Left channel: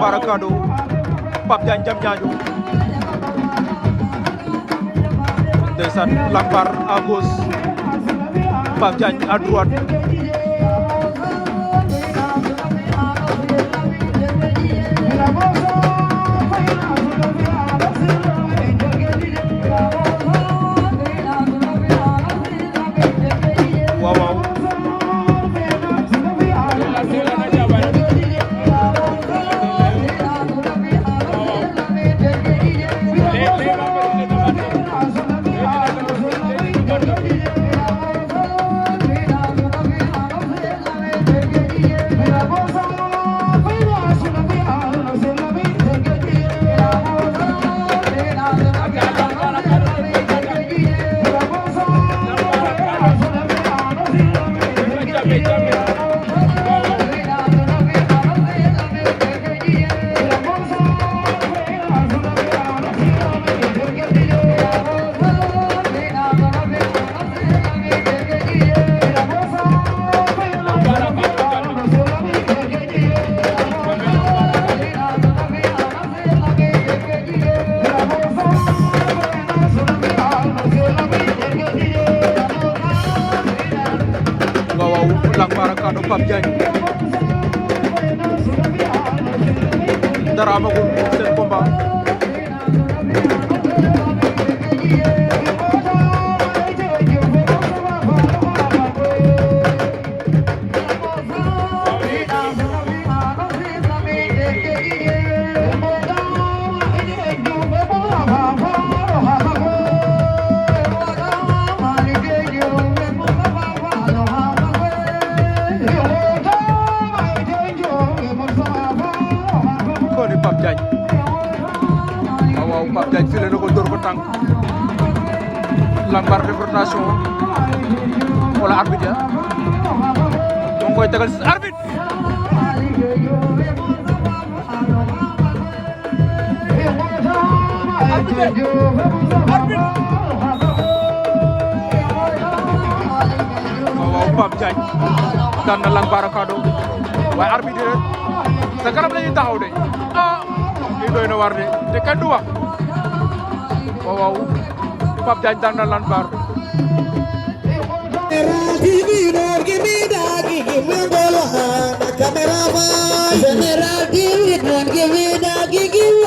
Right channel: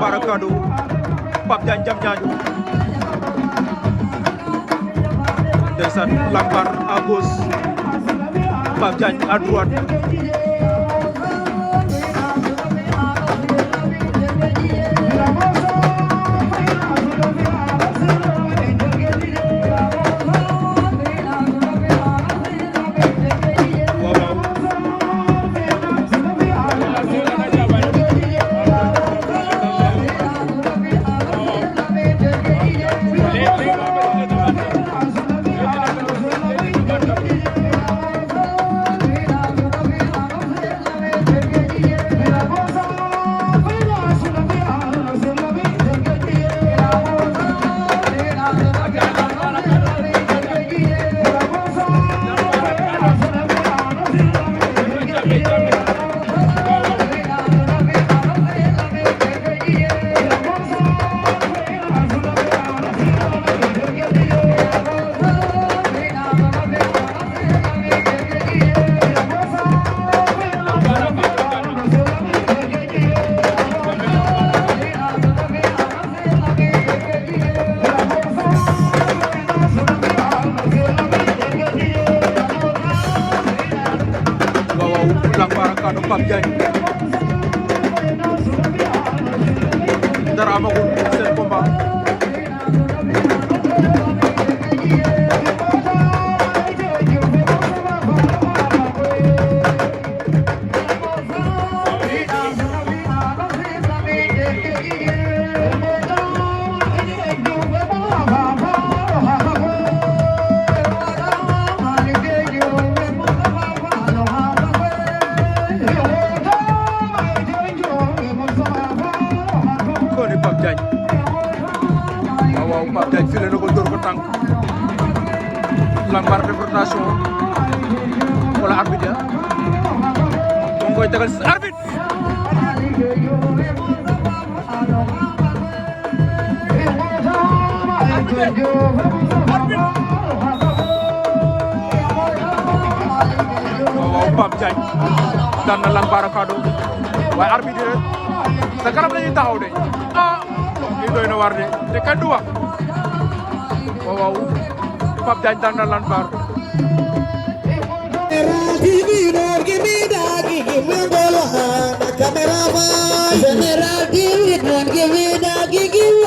Lambar Kado Pape Diagne jam ñaajo ndeysaan Lambar à gauche Pape Diagne à droite Lambar Kado Pape Diagne dara amagul seen combat ni Pape Diagne waaw Pape Diagne file na ko dóor ko tànk Lambar def rotation wala arbitre mo ngi koy tegal si arbitre waaw Pape Diagne daan na Lambar Kado waaye arbitre sa kanam lañuy taxaw de lii doy na war de te kan du wax waaw Pape Diagne daan na Lambar General TV, don't give me that, give me